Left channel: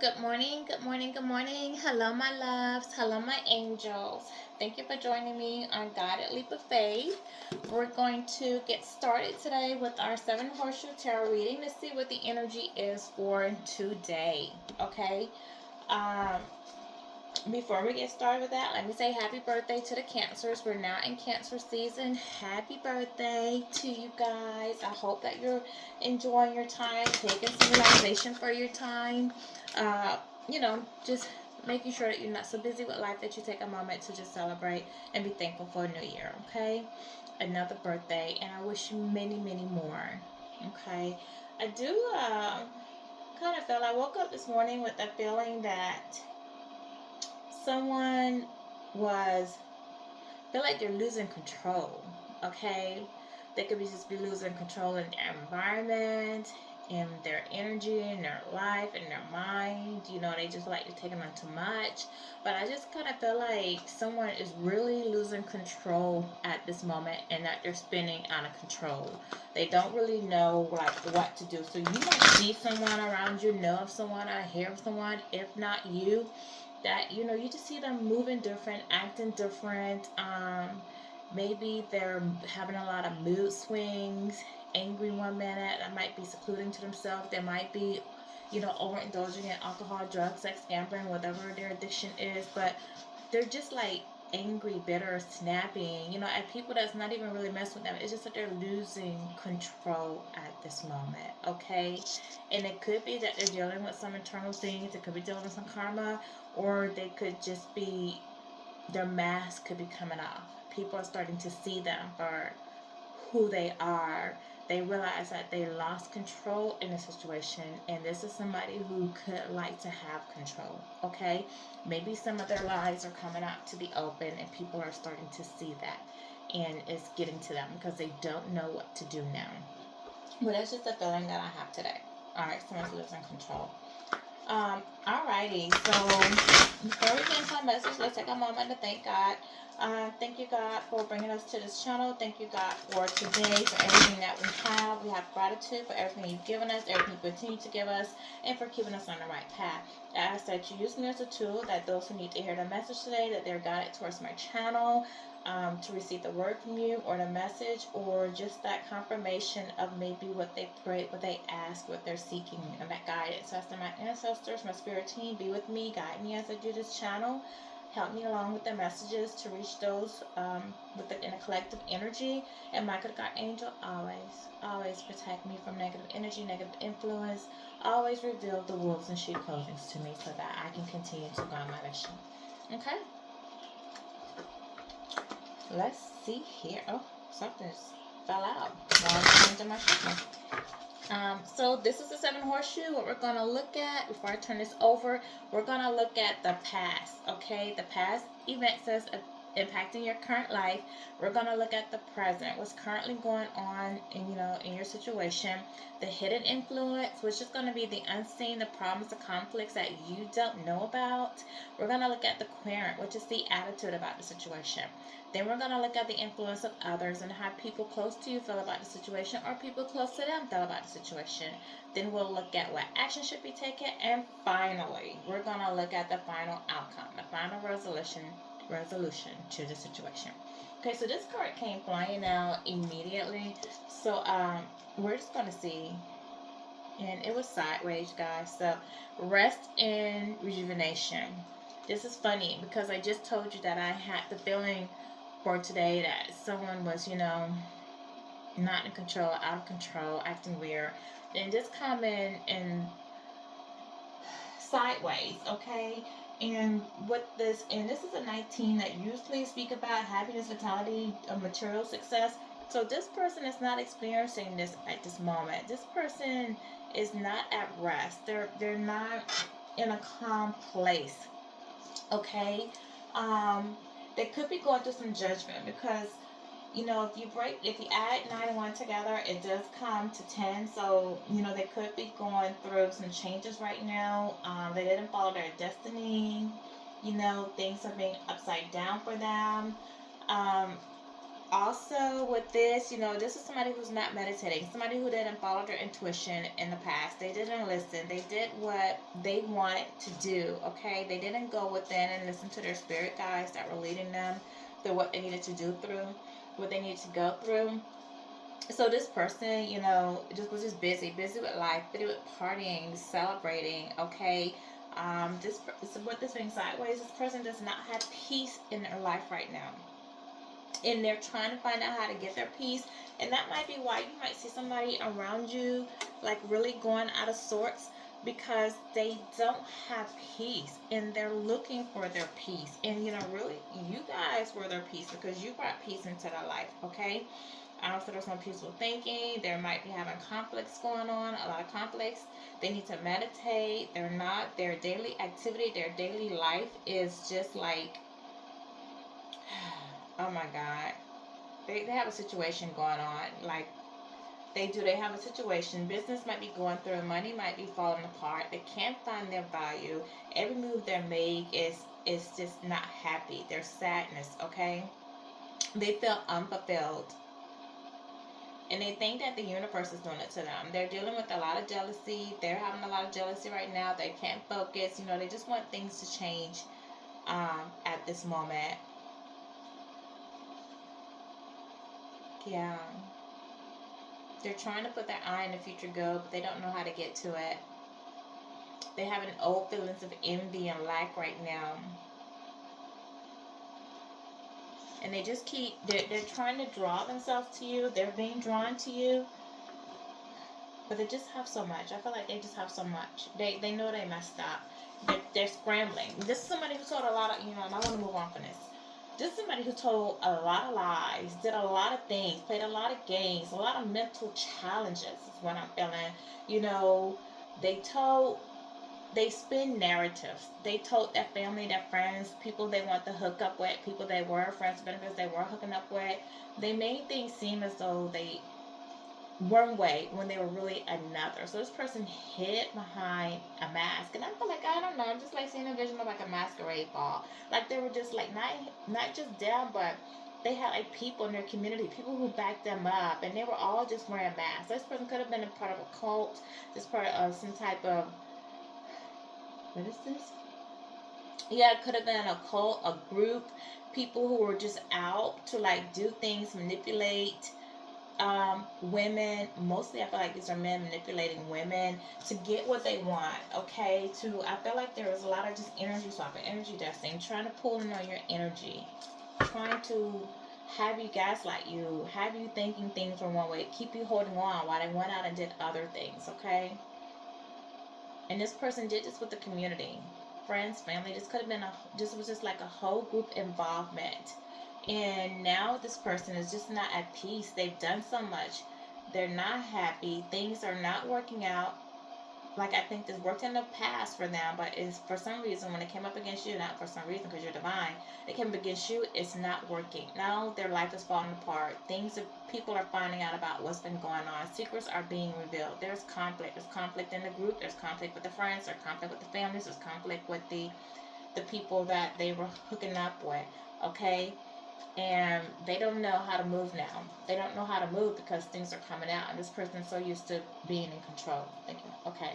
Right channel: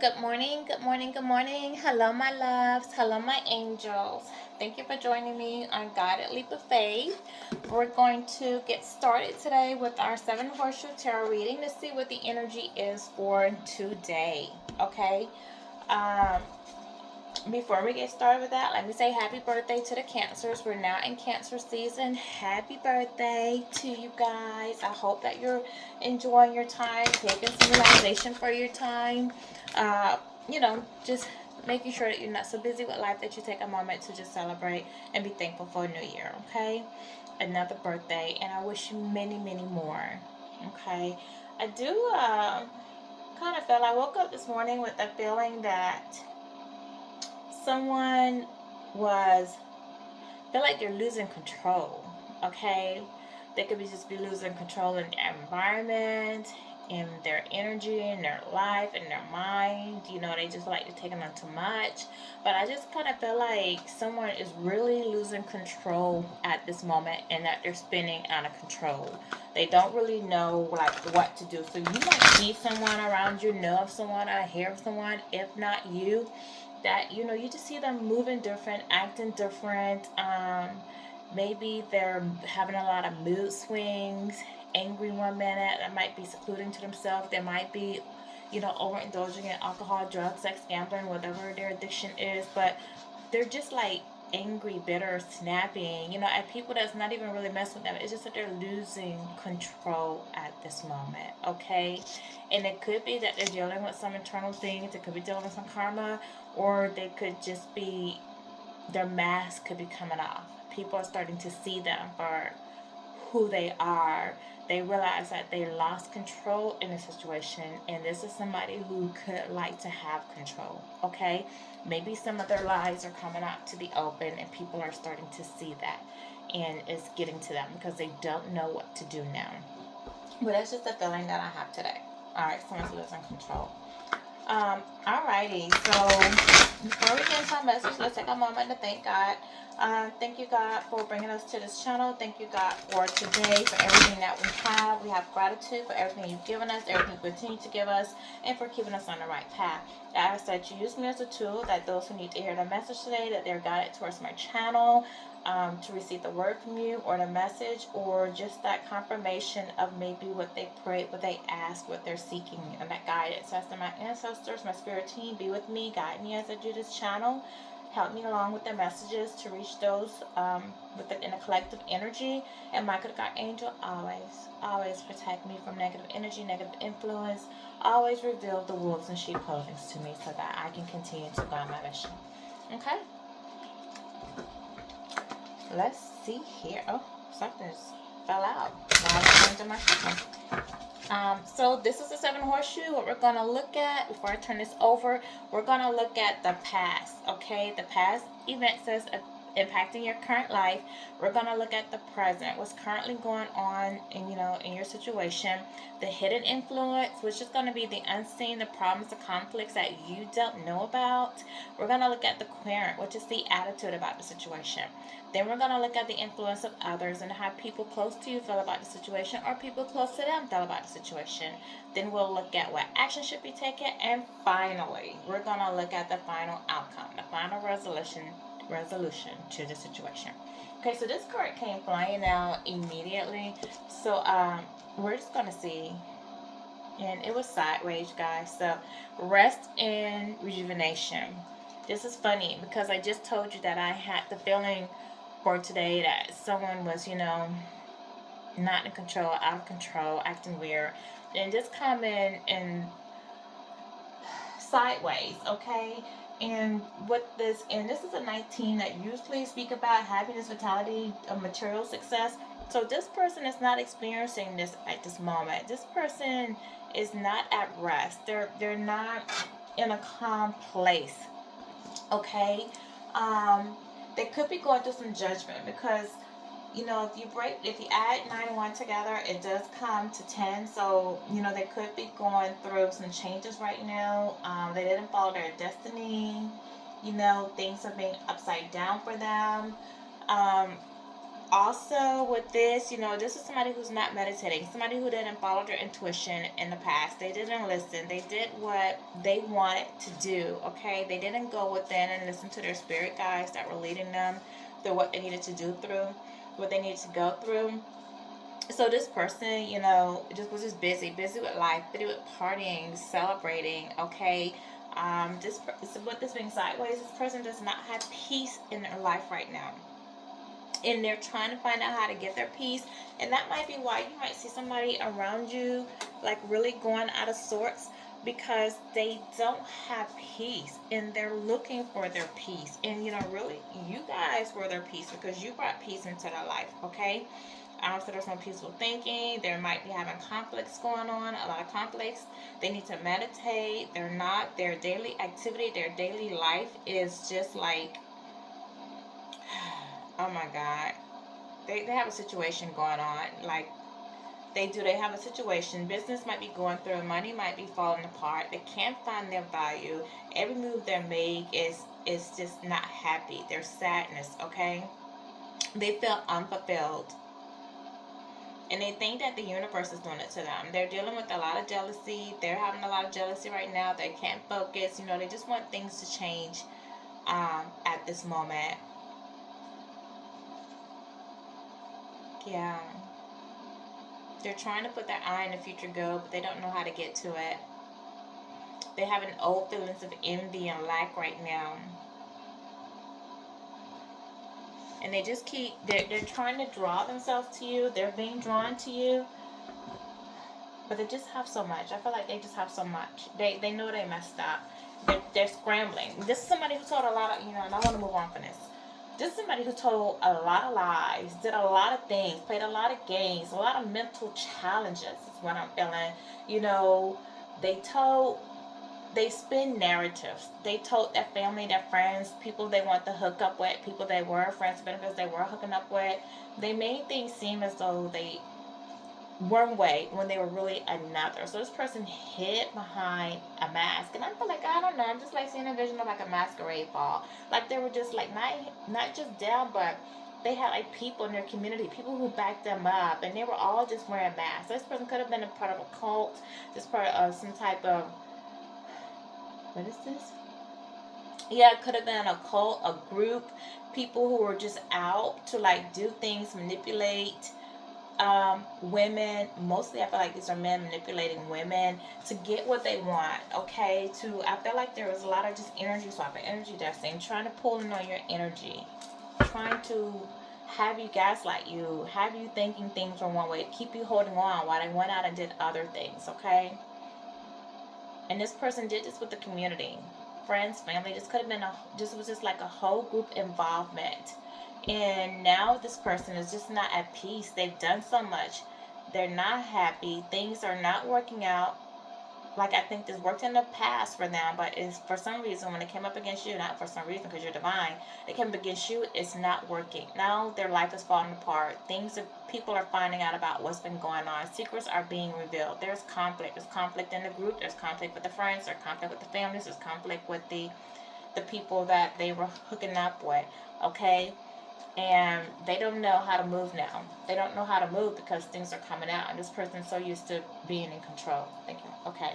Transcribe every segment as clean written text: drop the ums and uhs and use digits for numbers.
Good morning, good morning, good morning. Hello, my loves. Hello, my angels. Thank you for joining me on Guided Leap of Faith. We're going to get started today with our Seven Horseshoe Tarot reading to see what the energy is for today. Okay? Um, Before we get started with that, let me say happy birthday to the Cancers. We're now in Cancer season. Happy birthday to you guys. I hope that you're enjoying your time, taking some relaxation for your time. Uh, just making sure that you're not so busy with life that you take a moment to just celebrate and be thankful for a new year, okay? Another birthday, and I wish you many, many more, okay? I do kind of feel I woke up this morning with a feeling that someone was feel like they're losing control. Okay, they could be losing control in their environment, in their energy, in their life, in their mind. They just like to take on too much. But I just kind of feel like someone is really losing control at this moment, and that they're spinning out of control. They don't really know like what to do. So you might see someone around you, know of someone, or hear of someone. If not you, that you just see them moving different, acting different. Maybe they're having a lot of mood swings, angry one minute, that might be secluding to themselves. They might be overindulging in alcohol, drugs, sex, gambling, whatever their addiction is. But they're just like angry, bitter, snapping, at people that's not even really messing with them. It's just that they're losing control at this moment, okay? And it could be that they're dealing with some internal things. It could be dealing with some karma, or they could just be, their mask could be coming off. People are starting to see them for who they are. They realize that they lost control in a situation, and this is somebody who could like to have control, okay? Maybe some of their lies are coming out to the open, and people are starting to see that, and it's getting to them because they don't know what to do now. But that's just a feeling that I have today. All right, someone's losing control. Alrighty, so before we get into our message, let's take a moment to thank God. Thank you, God, for bringing us to this channel. Thank you, God, for today, for everything that we have. We have gratitude for everything you've given us, everything you continue to give us, and for keeping us on the right path. I ask that you use me as a tool, that those who need to hear the message today, that they're guided towards my channel, to receive the word from you, or the message, or just that confirmation of maybe what they prayed, what they asked, what they're seeking, and that guidance. So after my ancestors, my spirit team, be with me, guide me as I do this channel. Help me along with the messages to reach those in a collective energy. And my good God angel, always protect me from negative energy, negative influence. Always reveal the wolves and sheep clothings to me so that I can continue to go on my mission. Okay? Let's see here. Oh, something fell out while I'm changing my signal. So this is the Seven Horseshoe. What we're going to look at, before I turn this over, we're going to look at the past, okay? The past events that's impacting your current life. We're going to look at the present, what's currently going on in your situation. The hidden influence, which is going to be the unseen, the problems, the conflicts that you don't know about. We're going to look at the querent, which is the attitude about the situation. Then we're going to look at the influence of others and how people close to you feel about the situation, or people close to them feel about the situation. Then we'll look at what action should be taken. And finally, we're going to look at the final outcome, the final resolution to the situation. Okay, so this card came flying out immediately. So we're just going to see. And it was sideways, guys. So rest and rejuvenation. This is funny because I just told you that I had the feeling for today that someone was, not in control, out of control, acting weird. And just coming in sideways, okay? And this is a 19 that usually speak about happiness, vitality, material success. So this person is not experiencing this at this moment. This person is not at rest. They're not in a calm place. Okay? They could be going through some judgment because if you add 9 and 1 together, it does come to 10. So, they could be going through some changes right now. They didn't follow their destiny. Things are being upside down for them. Also, with this, you know, this is somebody who's not meditating, somebody who didn't follow their intuition in the past. They didn't listen. They did what they wanted to do, okay? They didn't go within and listen to their spirit guides that were leading them through what they needed to do through, what they needed to go through. So this person, you know, just was just busy with life, busy with partying, celebrating, okay? So with this being sideways, this person does not have peace in their life right now, and they're trying to find out how to get their peace. And that might be why you might see somebody around you like really going out of sorts, because they don't have peace and they're looking for their peace. And you know, really, you guys were their peace because you brought peace into their life, okay? So there's no peaceful thinking. There might be having conflicts going on, a lot of conflicts. They need to meditate. They're not, their daily activity, their daily life is just like, oh my God. They have a situation going on. Like, they have a situation. Business might be going through, money might be falling apart. They can't find their value. Every move they make is just not happy. There's sadness, okay? They feel unfulfilled. And they think that the universe is doing it to them. They're dealing with a lot of jealousy. They're having a lot of jealousy right now. They can't focus. You know, they just want things to change at this moment. Yeah. They're trying to put their eye on the future goal, but they don't know how to get to it. They have an old feelings of envy and lack right now. And they just they're trying to draw themselves to you. They're being drawn to you. But they just have so much. I feel like they just have so much. They know they messed up. They're scrambling. This is somebody who told a lot of, you know, and I want to move on from this. This is somebody who told a lot of lies, did a lot of things, played a lot of games, a lot of mental challenges is what I'm feeling. You know, they spin narratives. They told their family, their friends, people they want to hook up with, people they were friends, benefits they were hooking up with. They made things seem as though they one way when they were really another. So this person hid behind a mask, and I feel like, I don't know, I'm just like seeing a vision of like a masquerade ball. Like they were just like not just down, but they had like people in their community, people who backed them up, and they were all just wearing masks. This person could have been a part of a cult, just part of some type of, what is this? Yeah, it could have been a cult, a group, people who were just out to like do things, manipulate women. Mostly I feel like these are men manipulating women to get what they want, okay? I feel like there was a lot of just energy swapping, energy dusting, trying to pull in on your energy, trying to have you gaslight you, have you thinking things are one way, keep you holding on while they went out and did other things, okay? And this person did this with the community, friends, family. This could have been this was just like a whole group involvement. And now this person is just not at peace. They've done so much. They're not happy. Things are not working out. Like, I think this worked in the past for them, but it's for some reason when it came up against you, not for some reason because you're divine, it came up against you, it's not working. Now their life is falling apart. People are finding out about what's been going on. Secrets are being revealed. There's conflict. There's conflict in the group. There's conflict with the friends. There's conflict with the families. There's conflict with the people that they were hooking up with. Okay? And they don't know how to move now. They don't know how to move because things are coming out, and this person's so used to being in control. Thank you. Okay,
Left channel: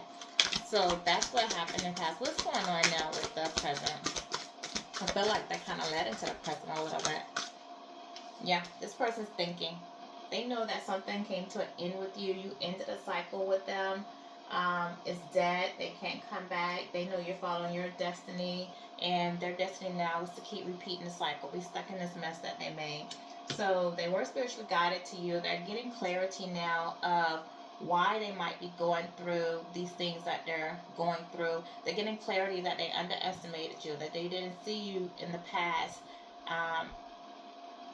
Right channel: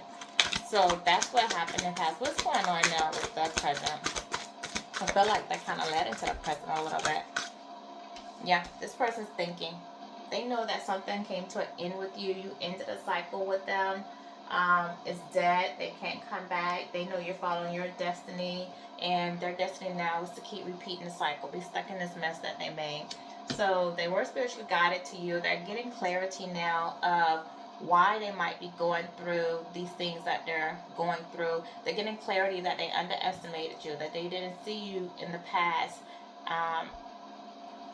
so that's what happened in the past. What's going on now with the present? I feel like that kind of led into the present a little bit. Yeah, this person's thinking. They know that something came to an end with you. You ended a cycle with them. It's dead. They can't come back. They know you're following your destiny, and their destiny now is to keep repeating the cycle, be stuck in this mess that they made. So they were spiritually guided to you. They're getting clarity now of why they might be going through these things that they're going through. They're getting clarity that they underestimated you, that they didn't see you in the past.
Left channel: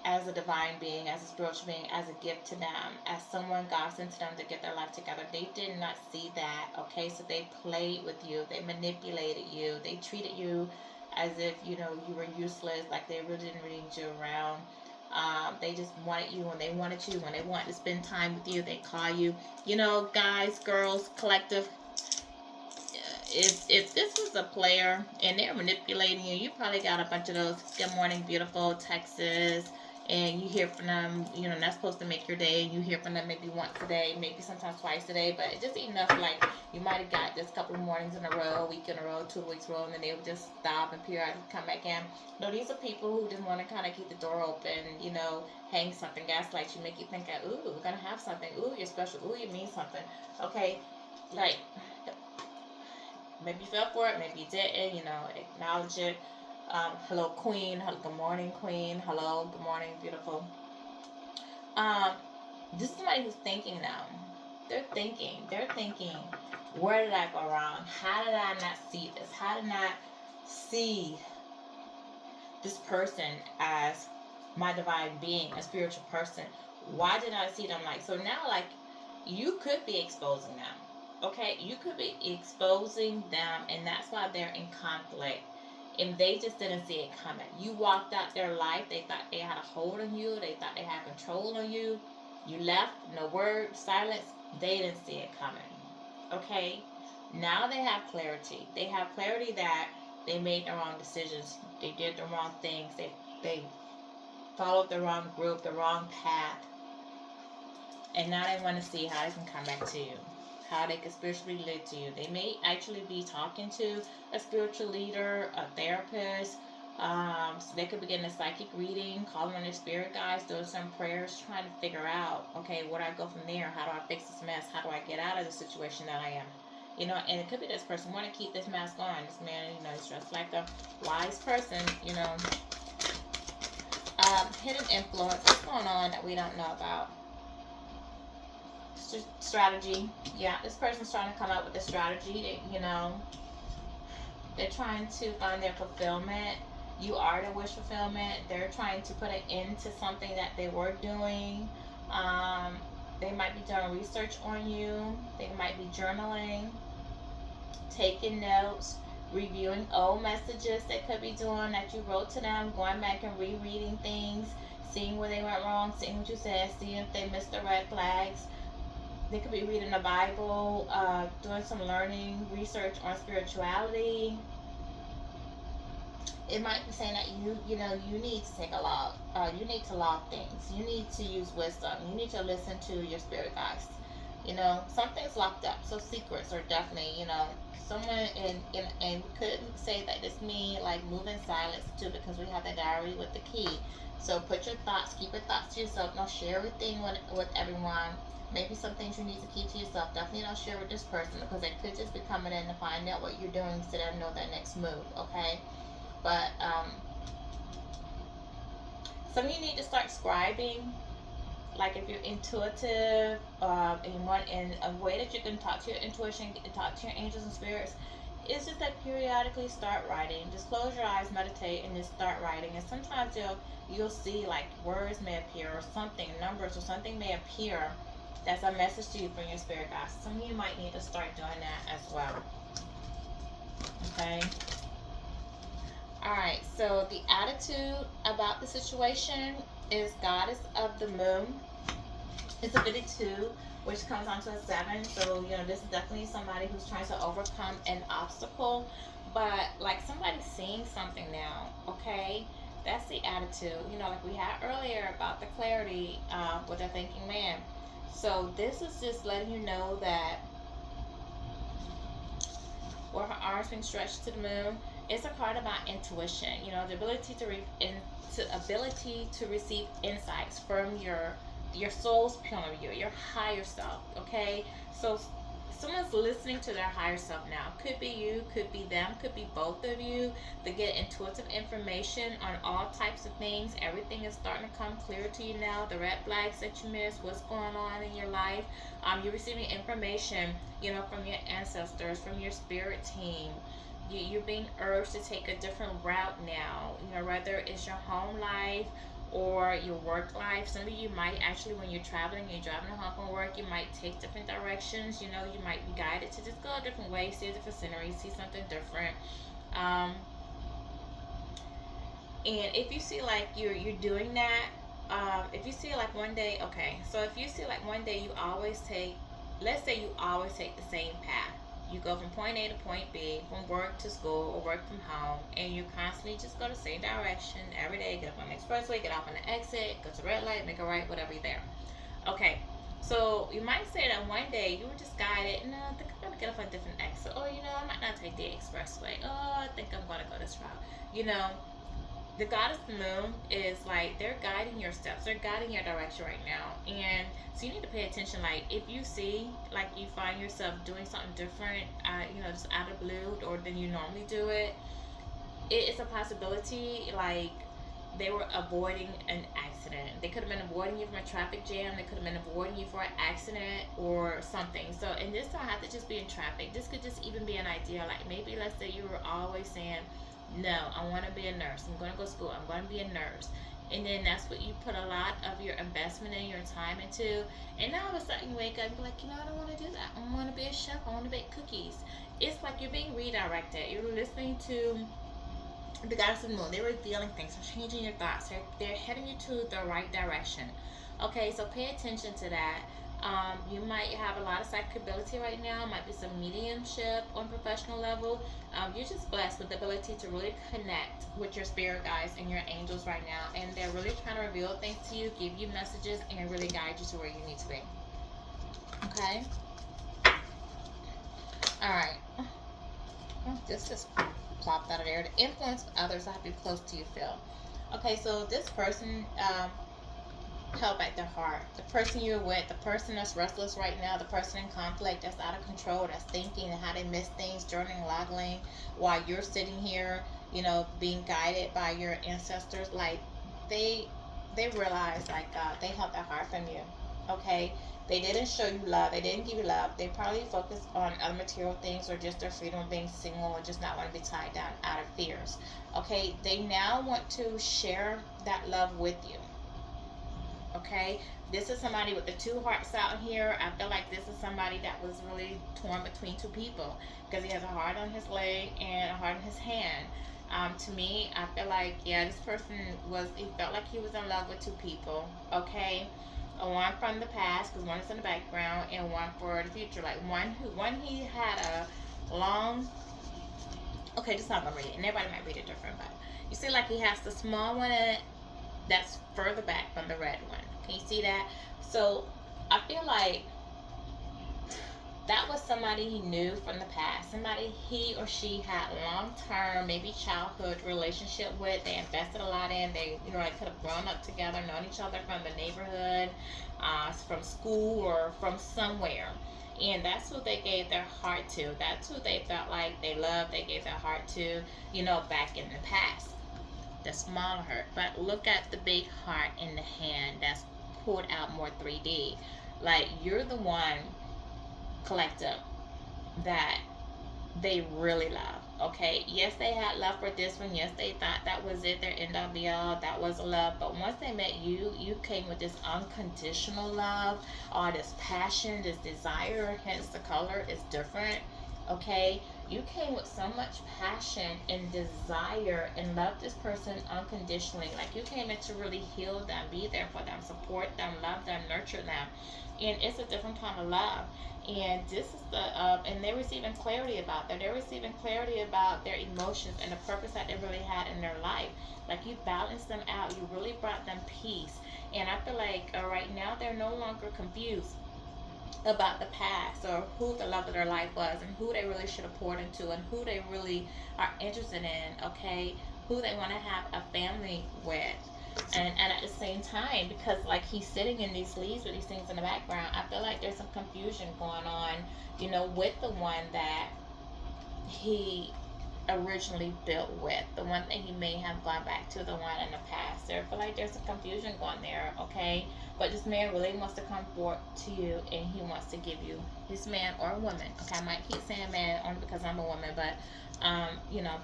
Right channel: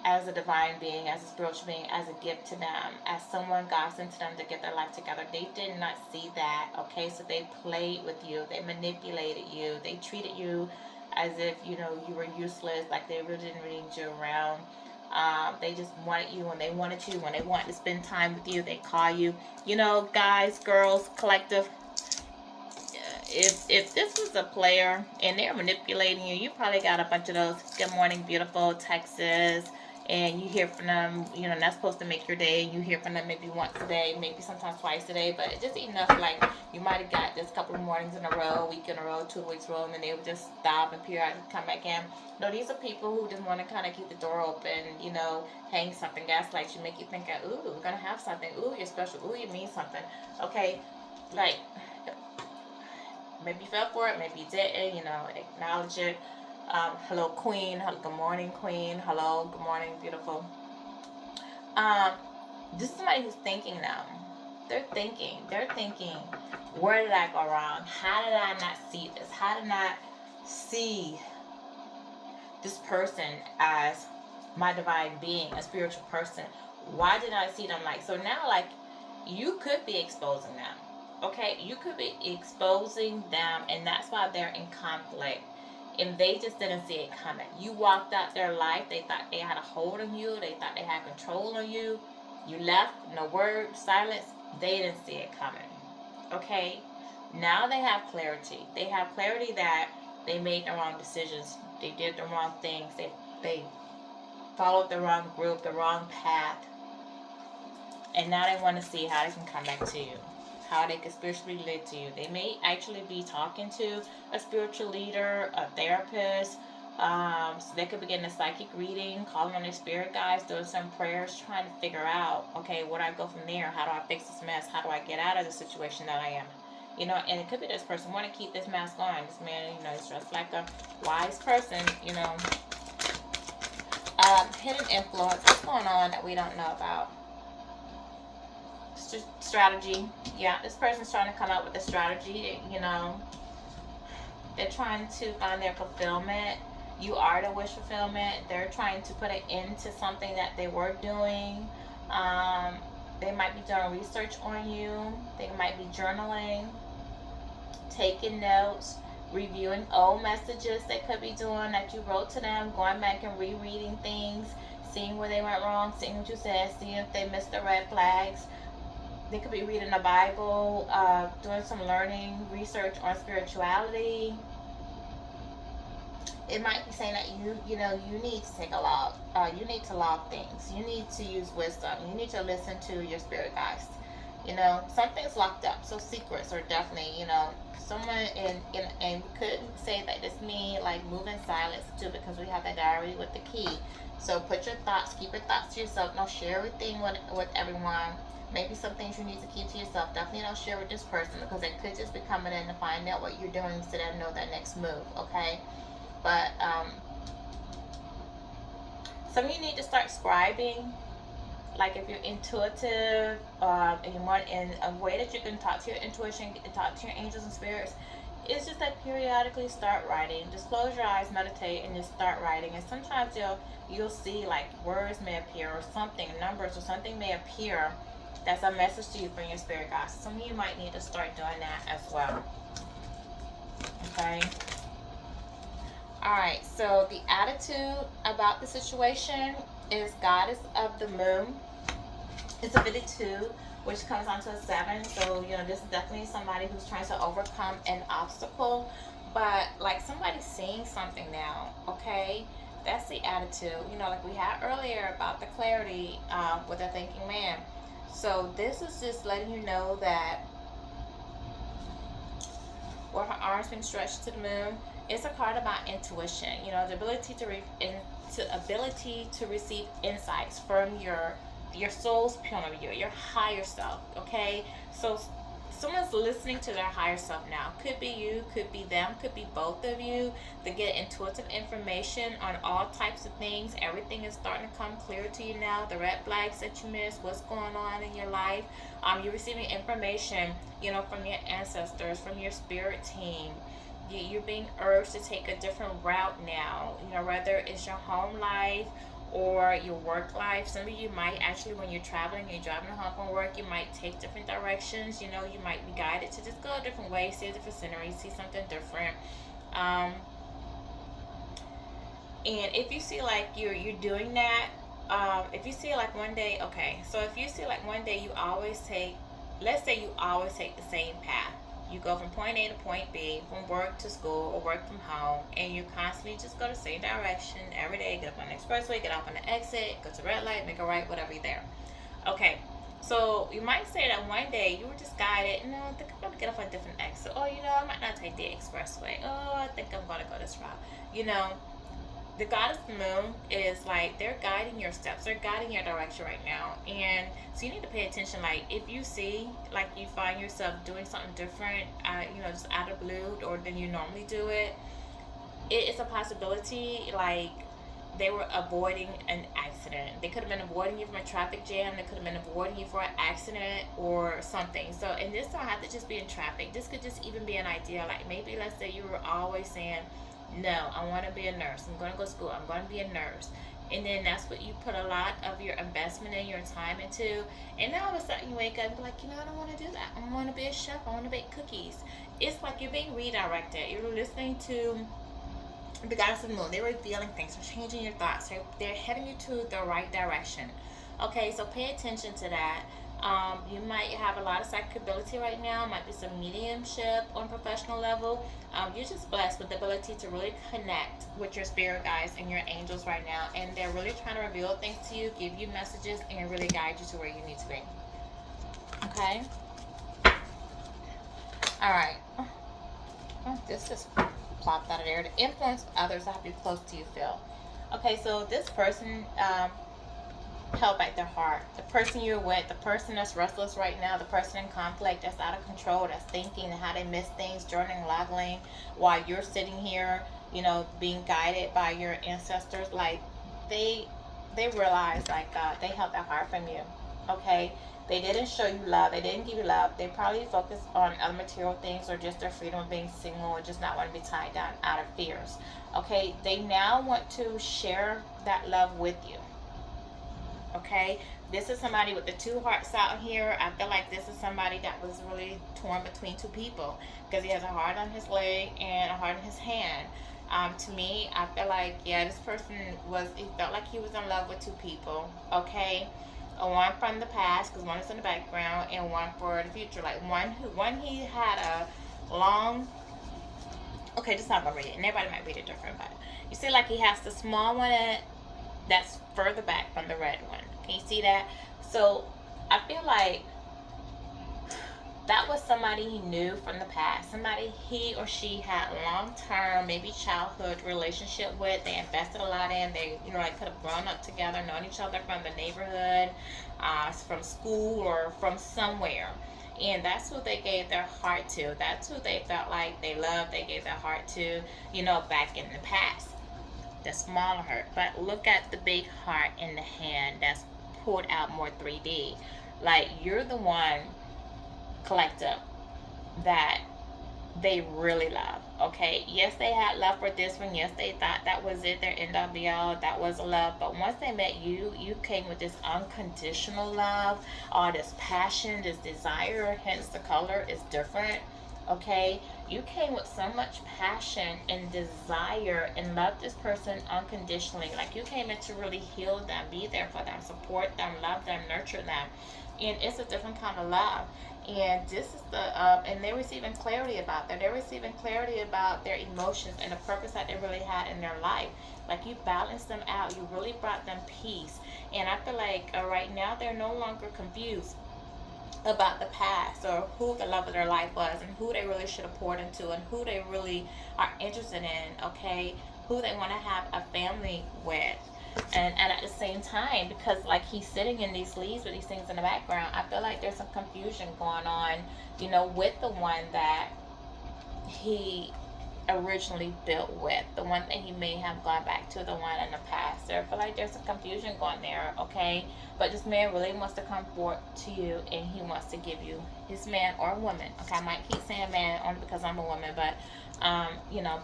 As a divine being, as a spiritual being, as a gift to them, as someone God sent to them to get their life together. They did not see that, okay? So they played with you. They manipulated you. They treated you as if, you know, you were useless, like they really didn't need you around. They just wanted you when they wanted you. When they wanted to spend time with you, they call you. You know, guys, girls, collective, if this was a player and they're manipulating you, you probably got a bunch of those good morning beautiful texts, and you hear from them, you know, that's supposed to make your day. You hear from them maybe once a day, maybe sometimes twice a day, but just enough. Like you might have got this couple of mornings in a row, a week in a row, 2 weeks in a row, and then they would just stop and periodically come back in. No, these are people who just want to kind of keep the door open, you know, hang something, gaslight you, make you think, ooh, we're gonna have something. Ooh, you're special. Ooh, you mean something. Okay, like maybe you fell for it, maybe you didn't. You know, acknowledge it. Hello, Queen. Hello, good morning, Queen. Hello, good morning, beautiful. Um, this is somebody who's thinking now. They're thinking, where did I go wrong? How did I not see this? How did I not see this person as my divine being, a spiritual person? Why did I see them like so? Now, like, you could be exposing them. Okay, you could be exposing them, and that's why they're in conflict. And they just didn't see it coming. You walked out their life. They thought they had a hold on you. They thought they had control on you. You left, no word, silence. They didn't see it coming. Okay? Now they have clarity. They have clarity that they made the wrong decisions. They did the wrong things. They followed the wrong group, the wrong path. And now they want to see how they can come back to you, how they can spiritually relate to you. They may actually be talking to a spiritual leader, a therapist. So they could be getting a psychic reading, calling on their spirit guides, doing some prayers, trying to figure out, okay, where do I go from there? How do I fix this mess? How do I get out of the situation that I am? You know, and it could be this person want to keep this mask on. This man, you know, he's dressed like a wise person, you know. Hidden influence. What's going on that we don't know about? Strategy. Yeah, this person's trying to come up with a strategy. You know, they're trying to find their fulfillment. You are the wish fulfillment. They're trying to put an end to something that they were doing. Um, they might be doing research on you. They might be journaling, taking notes, reviewing old messages they could be doing that you wrote to them, going back and rereading things, seeing where they went wrong, seeing what you said, seeing if they missed the red flags. They could be reading the Bible, doing some learning, research on spirituality. It might be saying that you know, you need to take a log. You need to log things. You need to use wisdom. You need to listen to your spirit guides. You know, something's locked up. So secrets are definitely, you know, someone in and we could say that it's me, like move in silence too, because we have the diary with the key. So put your thoughts, keep your thoughts to yourself. Don't share everything with everyone. Maybe some things you need to keep to yourself. Definitely don't share with this person, because they could just be coming in to find out what you're doing so they know their next move. Okay, but some of you need to start scribing. Like if you're intuitive, and you want in a way that you can talk to your intuition and talk to your angels and spirits, it's just that periodically start writing. Just close your eyes, meditate, and just start writing. And sometimes you'll see like words may appear, or something, numbers or something may appear that's a message to you from your spirit guides. Some of you might need to start doing that as well. Okay. All right. So the attitude about the situation is Goddess of the Moon. It's a 52, which comes onto a 7. So, you know, this is definitely somebody who's trying to overcome an obstacle. But, like, somebody's seeing something now, okay? That's the attitude. You know, like we had earlier about the clarity with a thinking man. So, this is just letting you know that with her arms being stretched to the moon, it's a card about intuition. You know, the ability to receive insights from your soul's point of view, your higher self. Okay, so someone's listening to their higher self now. Could be you, could be them, could be both of you. They get intuitive information on all types of things. Everything is starting to come clear to you now. The red flags that you missed, what's going on in your life. You're receiving information, you know, from your ancestors, from your spirit team. You're being urged to take a different route now. You know, whether it's your home life or your work life. Some of you might actually, when you're traveling and driving home from work, you might take different directions. You know, you might be guided to just go a different way, see a different scenery, see something different. Um, and if you see like you're doing that, if you see like one day, okay, so if you see like one day you always take, let's say you always take the same path. You go from point A to point B, from work to school or work from home, and you constantly just go the same direction every day. Get up on the expressway, get off on the exit, go to red light, make a right, whatever you're there. Okay, so you might say that one day you were just guided, no, I think I'm going to get off on a different exit. Oh, I might not take the expressway. Oh, I think I'm going to go this route. The goddess moon is like they're guiding your steps, they're guiding your direction right now. And so you need to pay attention. Like if you see like you find yourself doing something different, just out of blue or than you normally do it, it is a possibility. Like they were avoiding an accident. They could have been avoiding you from a traffic jam. They could have been avoiding you for an accident or something. So, and this don't have to just be in traffic. This could just even be an idea. Like maybe let's say you were always saying, no, I want to be a nurse. I'm going to go to school. I'm going to be a nurse. And then that's what you put a lot of your investment and your time into. And now all of a sudden you wake up and be like, I don't want to do that. I want to be a chef. I want to bake cookies. It's like you're being redirected. You're listening to the goddess of the moon. They're revealing things. They're changing your thoughts. They're heading you to the right direction. Okay, so pay attention to that. You might have a lot of psychic ability right now. Might be some mediumship on professional level. You're just blessed with the ability to really connect with your spirit guides and your angels right now. And they're really trying to reveal things to you, give you messages, and really guide you to where you need to be. Okay? Alright. This just plopped out of there. The influence of others, how close to you feel. Okay, so this person held back their heart. The person you're with, the person that's restless right now, the person in conflict that's out of control, that's thinking how they miss things, journaling, logging, while you're sitting here, being guided by your ancestors. Like they realize like they held their heart from you. Okay, they didn't show you love. They didn't give you love. They probably focused on other material things or just their freedom of being single or just not want to be tied down out of fears. Okay, they now want to share that love with you. Okay, this is somebody with the two hearts out here. I feel like this is somebody that was really torn between two people because he has a heart on his leg and a heart in his hand. To me, I feel like, this person he felt like he was in love with two people. Okay, one from the past because one is in the background and one for the future. Like one he had a long, okay, this is not gonna read it, and everybody might read it different, but you see like he has the small one that's further back from the red one. Can you see that? So I feel like that was somebody he knew from the past, somebody he or she had long-term, maybe childhood relationship with. They invested a lot in. They, like could have grown up together, known each other from the neighborhood, from school, or from somewhere. And that's who they gave their heart to. That's who they felt like they loved. They gave their heart to, back in the past. The smaller heart. But look at the big heart in the hand that's pulled out more 3D. Like you're the one, collective, that they really love. Okay, yes, they had love for this one. Yes, they thought that was it, their end all be all, that was love. But once they met you, you came with this unconditional love, all this passion, this desire. Hence the color is different. Okay, you came with so much passion and desire and love this person unconditionally. Like you came in to really heal them, be there for them, support them, love them, nurture them. And it's a different kind of love. And this is and they're receiving clarity about that. They're receiving clarity about their emotions and the purpose that they really had in their life. Like you balanced them out. You really brought them peace. And I feel like right now they're no longer confused about the past or who the love of their life was and who they really should have poured into and who they really are interested in. Okay, who they want to have a family with. And at the same time, because like he's sitting in these leaves with these things in the background, I feel like there's some confusion going on, with the one that he originally built with, the one that he may have gone back to, the one in the past. So I feel like there's some confusion going there. Okay, but this man really wants to come forward to you, and he wants to give you his man or woman. Okay, I might keep saying man only because I'm a woman, but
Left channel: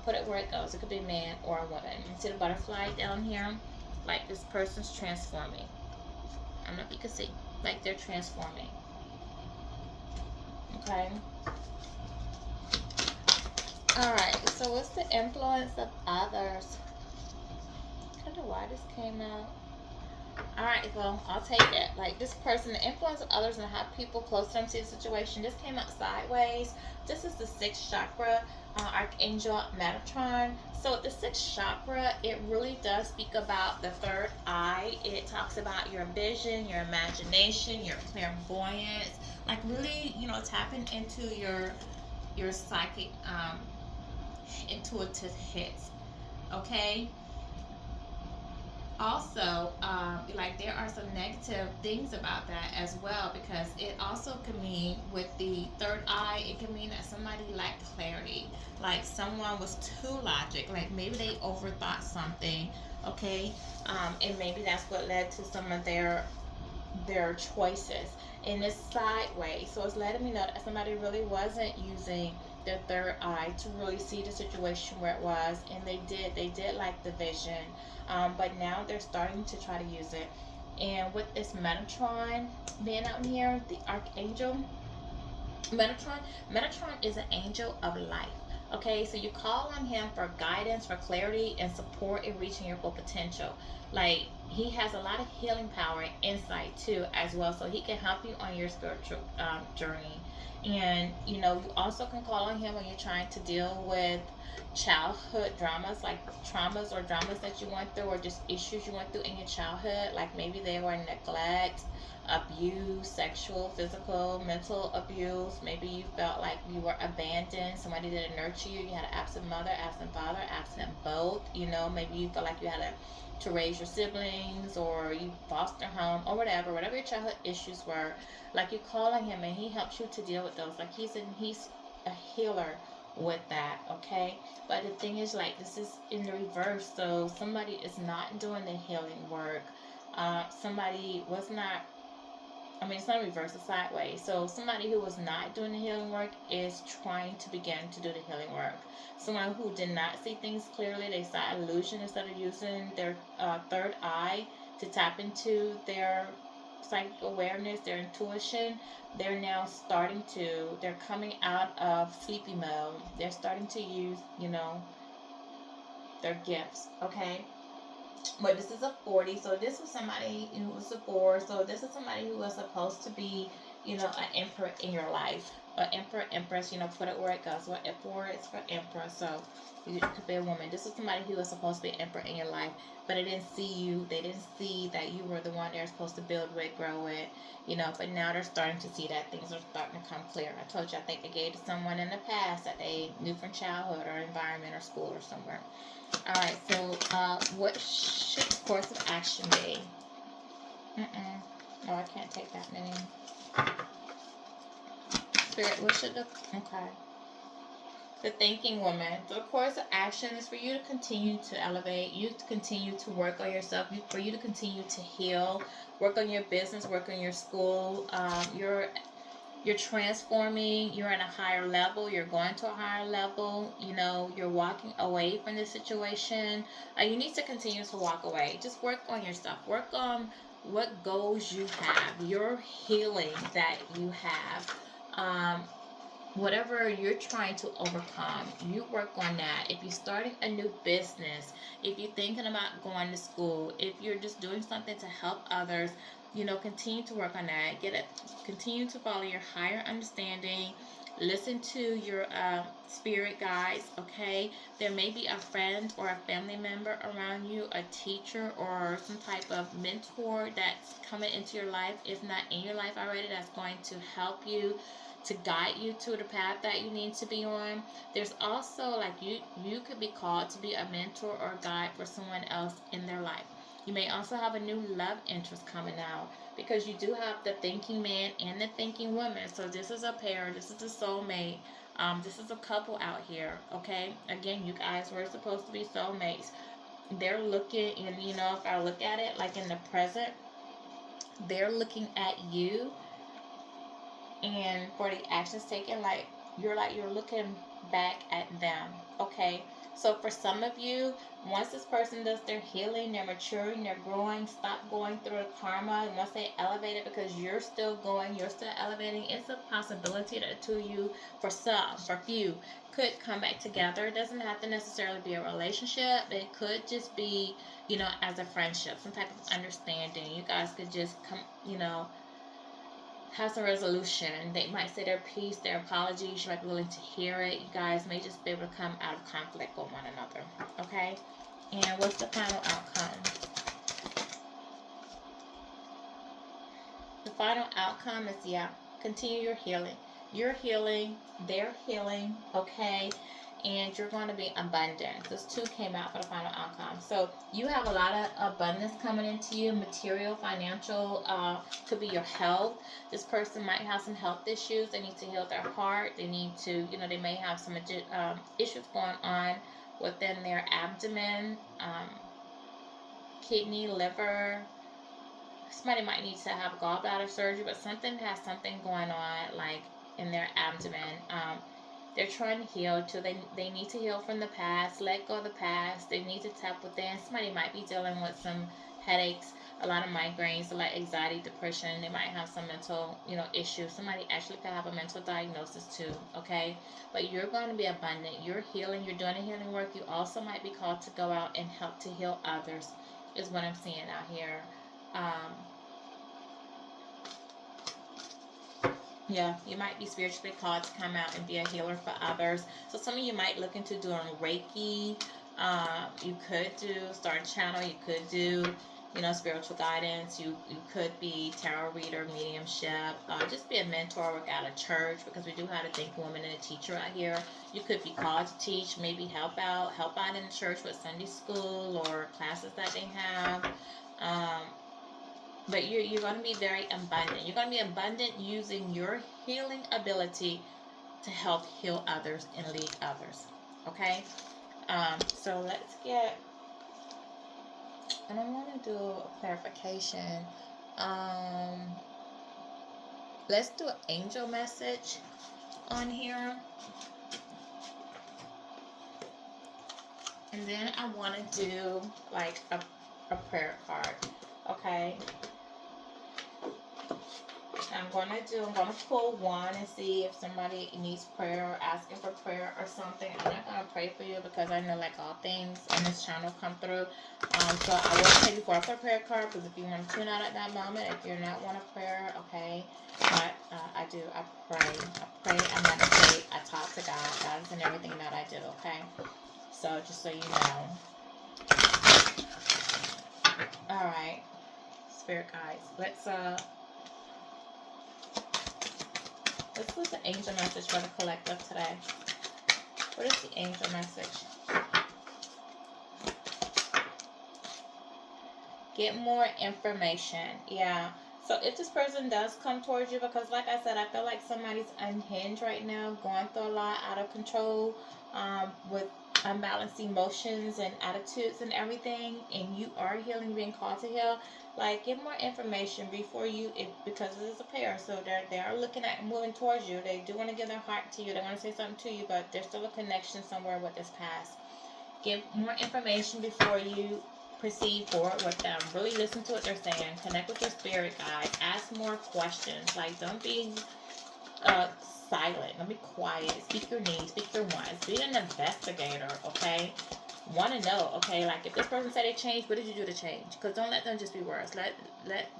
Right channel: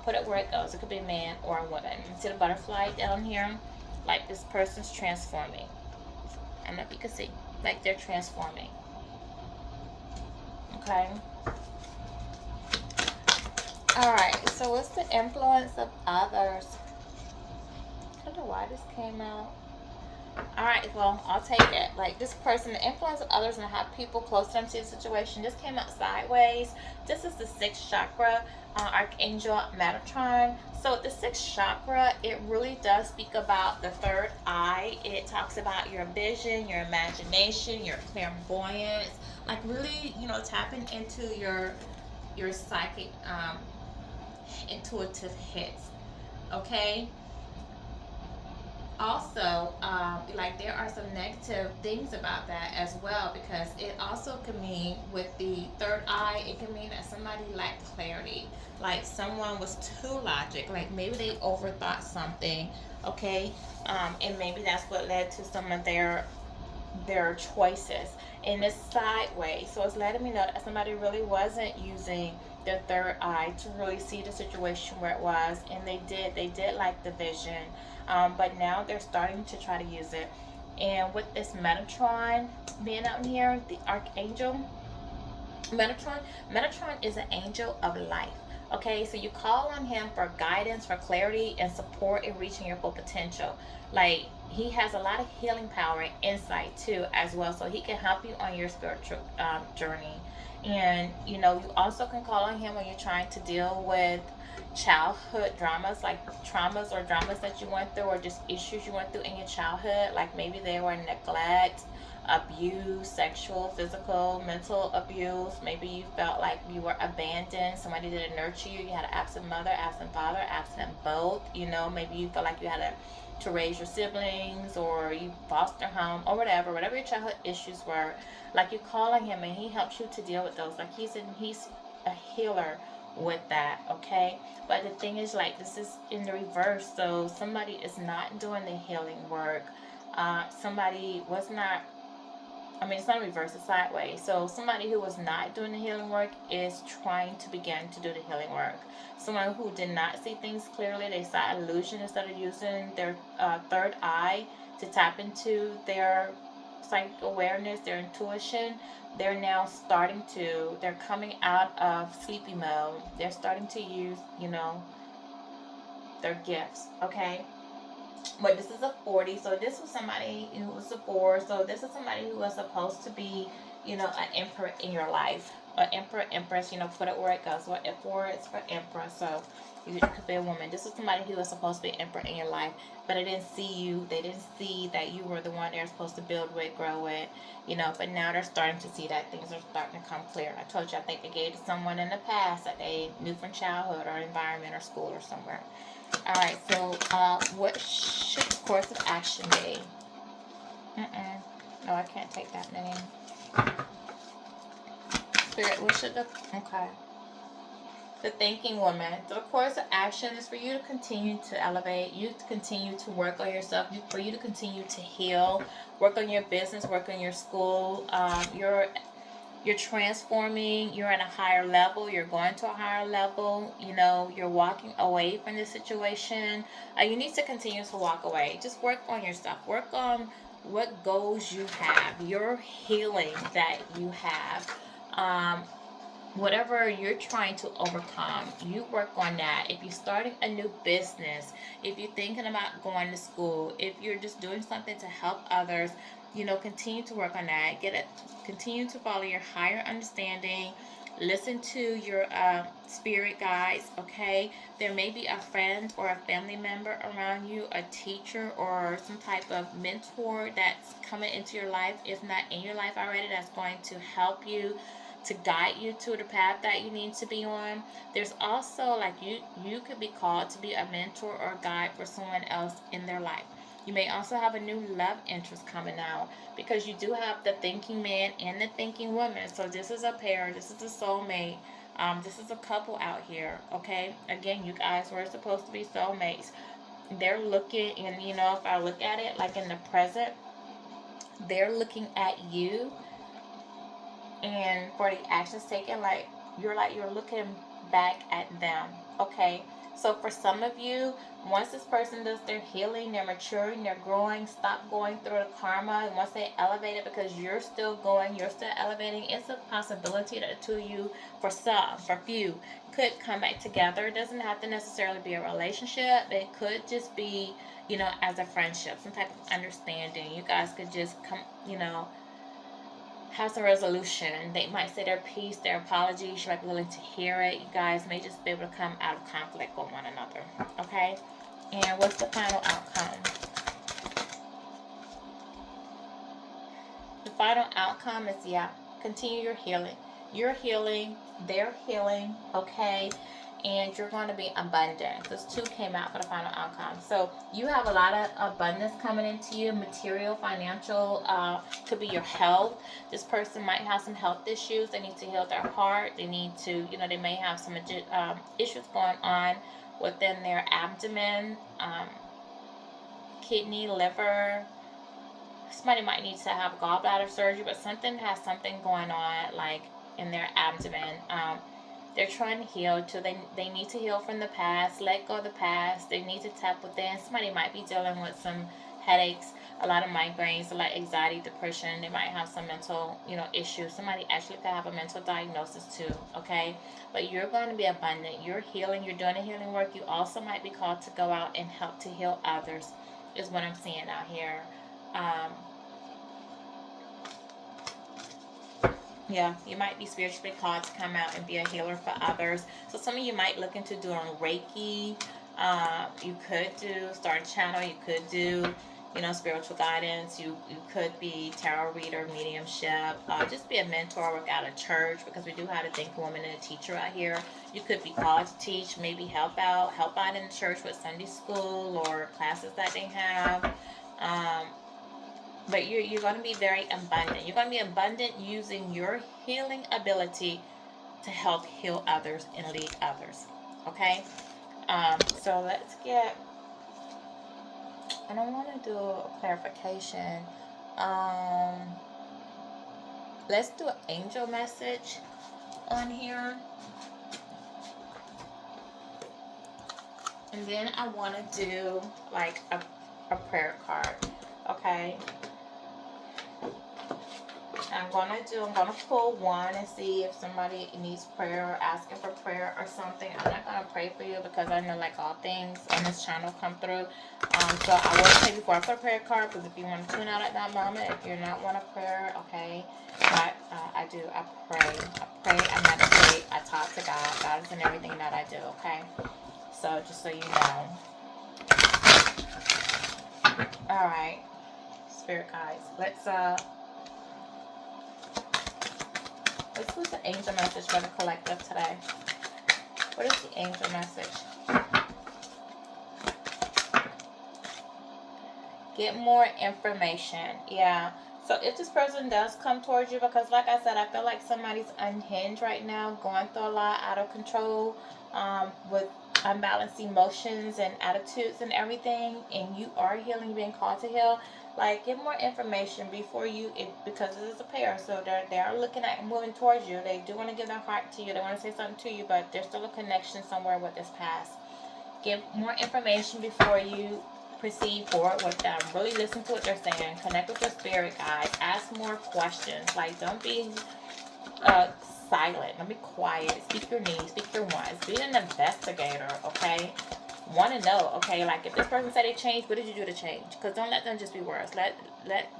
put it where it goes. It could be a man or a woman. You see the butterfly down here? Like this person's transforming. I don't know if you can see. Like they're transforming. Okay. Alright, so what's the influence of others? I don't know why this came out. All right, well, I'll take it. Like this person, the influence of others and how people close to them see the situation. This came out sideways. This is the sixth chakra, Archangel Metatron. So the sixth chakra, it really does speak about the third eye. It talks about your vision, your imagination, your clairvoyance. Like really, tapping into your psychic, intuitive hits. Okay, also, like there are some negative things about that as well, because it also can mean with the third eye, it can mean that somebody lacked clarity, like someone was too logic, like maybe they overthought something. Okay, and maybe that's what led to some of their choices. And it's sideways, so it's letting me know that somebody really wasn't using their third eye to really see the situation where it was, and they did like the vision, but now they're starting to try to use it. And with this Metatron being out here, the Archangel Metatron, Metatron is an angel of life. Okay, so you call on him for guidance, for clarity, and support in reaching your full potential. Like he has a lot of healing power and insight too, as well. So he can help you on your spiritual journey. And you also can call on him when you're trying to deal with childhood dramas, like traumas or dramas that you went through, or just issues you went through in your childhood. Like maybe they were neglect, abuse, sexual, physical, mental abuse. Maybe you felt like you were abandoned. Somebody didn't nurture you. You had an absent mother, absent father, absent both. Maybe you felt like you had to raise your siblings, or you foster home, or whatever your childhood issues were. Like you call on him and he helps you to deal with those. Like he's a healer with that. Okay, but the thing is, like, this is in the reverse. So somebody is not doing the healing work. Somebody was not, I mean, it's not reverse, it's sideways. So somebody who was not doing the healing work is trying to begin to do the healing work. Someone who did not see things clearly, they saw illusion instead of using their third eye to tap into their psychic awareness, their intuition. They're now they're coming out of sleepy mode. They're starting to use, their gifts. Okay, but this is a 40, so this was somebody who was a 4, so this is somebody who was supposed to be, an emperor in your life, an emperor, empress, put it where it goes. What 4 is for emperor, so you could be a woman. This is somebody who was supposed to be an emperor in your life, but they didn't see that you were the one they were supposed to build with, grow with, but now they're starting to see that things are starting to come clear. I told you, I think they gave to someone in the past that they knew from childhood or environment or school or somewhere. Alright, so what should the course of action be? No, I can't take that name. Spirit, what should the. Okay. The thinking woman. So the course of action is for you to continue to elevate, you to continue to work on yourself, for you to continue to heal, work on your business, work on your school, you're transforming, you're at a higher level, you're going to a higher level, you're walking away from this situation. You need to continue to walk away. Just work on yourself, work on what goals you have, your healing that you have. Whatever you're trying to overcome, you work on that. If you're starting a new business, if you're thinking about going to school, if you're just doing something to help others, continue to work on that. Continue to follow your higher understanding. Listen to your spirit guides. Okay, there may be a friend or a family member around you, a teacher or some type of mentor that's coming into your life, if not in your life already, that's going to help you, to guide you to the path that you need to be on. There's also, like, you could be called to be a mentor or guide for someone else in their life. You may also have a new love interest coming out, because you do have the thinking man and the thinking woman. So this is a pair, this is a soulmate. This is a couple out here. Okay, again, you guys were supposed to be soulmates. They're looking, and if I look at it like in the present, they're looking at you, and for the actions taken, like you're looking back at them. Okay, So for some of you, once this person does their healing, they're maturing, they're growing, stop going through the karma, and once they elevate it because you're still going, you're still elevating, it's a possibility that the two of you, for some, for few, could come back together. It doesn't have to necessarily be a relationship. It could just be, as a friendship, some type of understanding. You guys could just come, have some resolution. They might say their piece, their apologies. You might be willing to hear it. You guys may just be able to come out of conflict with one another. Okay? And what's the final outcome? The final outcome is, continue your healing. You're healing. They're healing. Okay? And you're going to be abundant. This 2 came out for the final outcome. So you have a lot of abundance coming into you, material, financial, could be your health. This person might have some health issues. They need to heal their heart. They need to, they may have some issues going on within their abdomen, kidney, liver. Somebody might need to have gallbladder surgery, but something has something going on, like in their abdomen. They're trying to heal too. They need to heal from the past, let go of the past. They need to tap within. Somebody might be dealing with some headaches, a lot of migraines, a lot of anxiety, depression. They might have some mental, issues. Somebody actually could have a mental diagnosis too, okay? But you're going to be abundant. You're healing. You're doing a healing work. You also might be called to go out and help to heal others, is what I'm seeing out here. Yeah, you might be spiritually called to come out and be a healer for others. So some of you might look into doing Reiki. You could start a channel. You could do, spiritual guidance. You could be tarot reader, mediumship. Just be a mentor, work out of church, because we do have a think woman and a teacher out here. You could be called to teach, maybe help out in the church with Sunday school or classes that they have. But you're going to be very abundant. You're going to be abundant using your healing ability to help heal others and lead others. Okay? So let's get... And I want to do a clarification. Let's do an angel message on here. And then I want to do like a prayer card. Okay? I'm gonna pull one and see if somebody needs prayer or asking for prayer or something. I'm not gonna pray for you because I know, like all things on this channel come through. So I will tell you before I put a prayer card, because if you want to tune out at that moment, if you're not want a prayer, okay. But I pray, I meditate, I talk to God. God is in everything that I do, okay? So just so you know. Alright, spirit guides. Let's do the angel message for the collective today. What is the angel message? Get more information. Yeah. So if this person does come towards you, because like I said, I feel like somebody's unhinged right now, going through a lot, out of control, with unbalanced emotions and attitudes and everything, and you are healing, being called to heal. Like, get more information before because this is a pair, so they are looking at and moving towards you. They do want to give their heart to you. They want to say something to you, but there's still a connection somewhere with this past. Get more information before you proceed forward with them. Really listen to what they're saying. Connect with your spirit guides. Ask more questions. Like, don't be silent. Don't be quiet. Speak your needs. Speak your wants. Be an investigator, okay? Want to know, okay? Like, if this person said they changed, what did you do to change? Because don't let them just be words. Let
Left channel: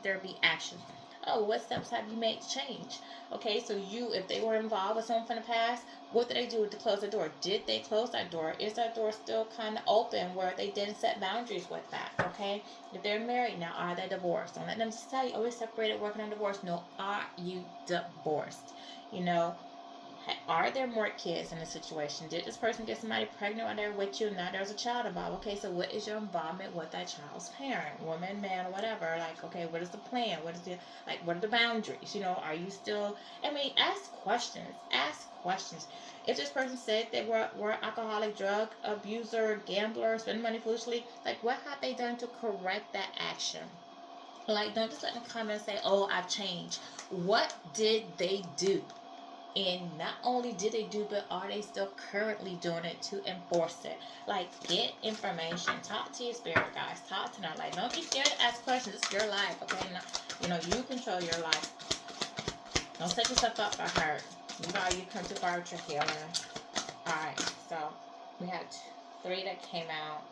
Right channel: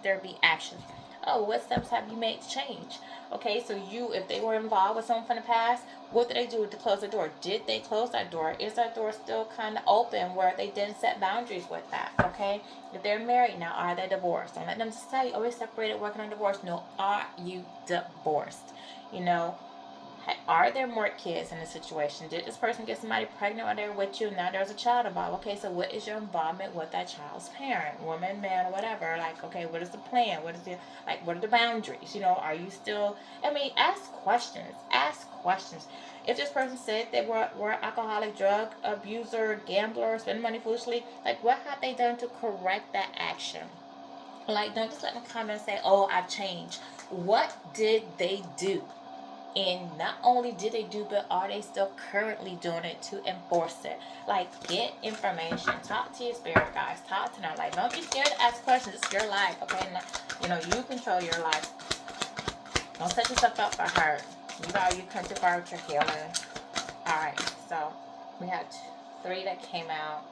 there be action. Oh, what steps have you made to change? Okay, so if they were involved with someone from the past, what did they do to close the door? Did they close that door? Is that door still kind of open where they didn't set boundaries with that? Okay, if they're married now, are they divorced? Don't let them just tell you, oh, we're separated, working on divorce. No, are you divorced? Are there more kids in the situation? Did this person get somebody pregnant while they're with you? Now there's a child involved. Okay, so what is your involvement with that child's parent, woman, man, or whatever? Like, okay, what is the plan? What are the boundaries? Are you still... ask questions. Ask questions. If this person said they were alcoholic, drug abuser, gambler, spend money foolishly, like, what have they done to correct that action? Like, don't just let them come and say, oh, I've changed. What did they do And not only did they do, but are they still currently doing it to enforce it? Like, get information. Talk to your spirit guys. Talk to them. Like, don't be scared to ask questions. It's your life, okay? You control your life. Don't set yourself up for hurt. You come too far with your healing. Alright, so we had 3 that came out.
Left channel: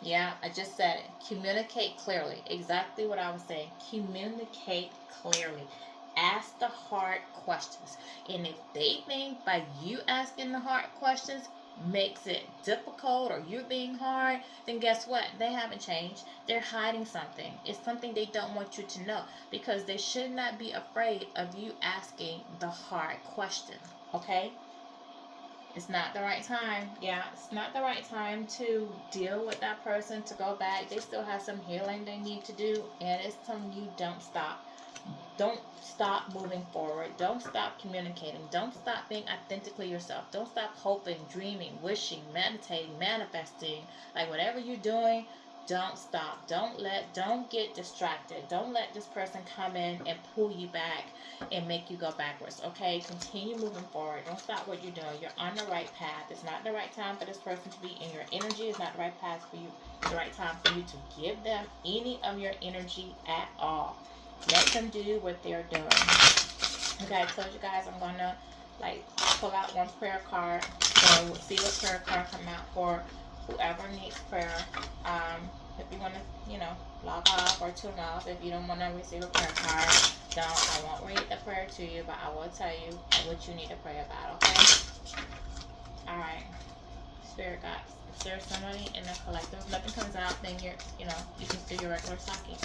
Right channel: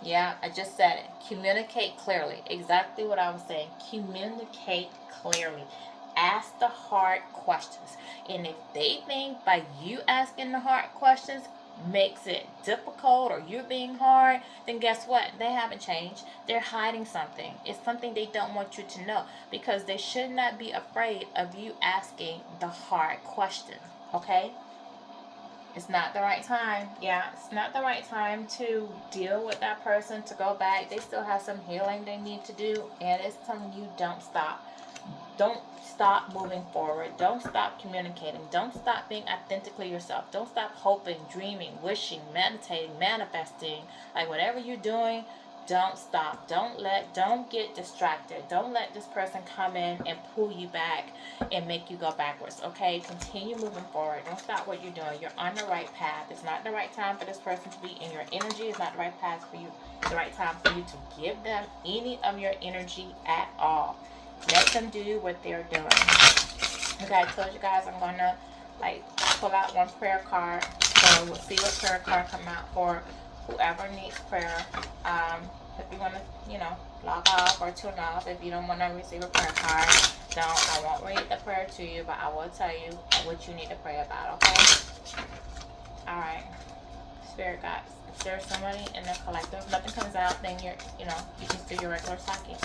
Yeah, I just said it. Communicate clearly. Exactly what I was saying. Communicate clearly. Ask the hard questions. And if they think by you asking the hard questions makes it difficult or you're being hard, then guess what? They haven't changed. They're hiding something. It's something they don't want you to know, because they should not be afraid of you asking the hard question. Okay? It's not the right time. Yeah, it's not the right time to deal with that person, to go back. They still have some healing they need to do, and it's telling you don't stop. Don't stop moving forward. Don't stop communicating. Don't stop being authentically yourself. Don't stop hoping, dreaming, wishing, meditating, manifesting. Like, whatever you're doing, don't stop. Don't get distracted. Don't let this person come in and pull you back and make you go backwards. Okay? Continue moving forward. Don't stop what you're doing. You're on the right path. It's not the right time for this person to be in your energy. It's not the right path for you. It's the right time for you to give them any of your energy at all. Let them do what they're doing. Okay, I told you guys I'm going to pull out one prayer card. So we'll see what prayer card come out for whoever needs prayer. If you want to, log off or tune off, if you don't want to receive a prayer card, I won't read the prayer to you, but I will tell you what you need to pray about, okay? Alright. Spirit guides. If there's somebody in the collective, nothing comes out, then you can do your regular talking.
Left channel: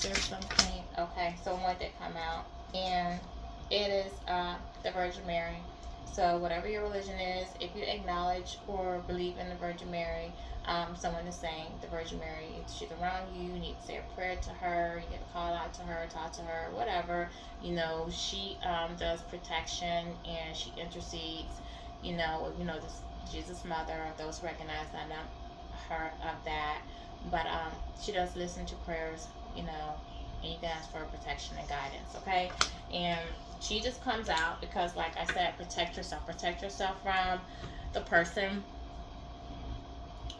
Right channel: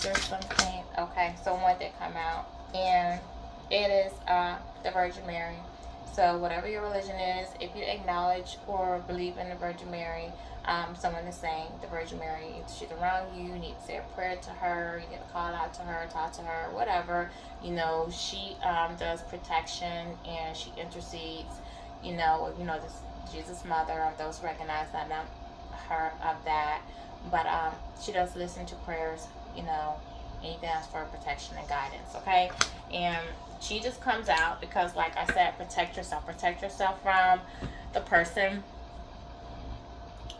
There's something, okay, so one did come out, and it is the Virgin Mary. So whatever your religion is, if you acknowledge or believe in the Virgin Mary, someone is saying the Virgin Mary, if she's around you, you need to say a prayer to her, you need to call out to her, talk to her, whatever. She does protection, and she intercedes, this Jesus Mother, of those who recognize that, not her of that. But she does listen to prayers, and you can ask for protection and guidance, okay? And she just comes out because, like I said, protect yourself. Protect yourself from the person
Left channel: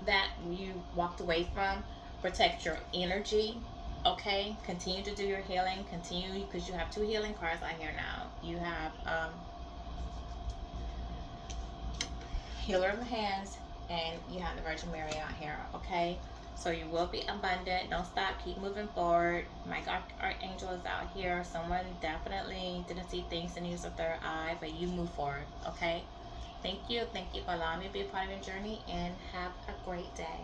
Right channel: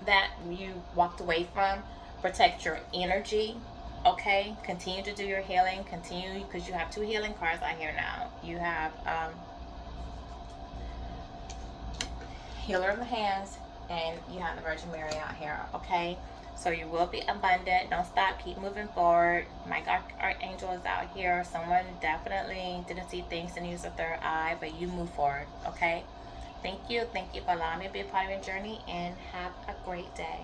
that you walked away from. Protect your energy, okay? Continue to do your healing. Continue, because you have 2 healing cards out here now. You have Healer of the Hands, and you have the Virgin Mary out here, okay? So you will be abundant. Don't stop. Keep moving forward. My archangel is out here. Someone definitely didn't see things and use a third eye, but you move forward, okay? Thank you. Thank you for allowing me to be a part of your journey, and have a great day.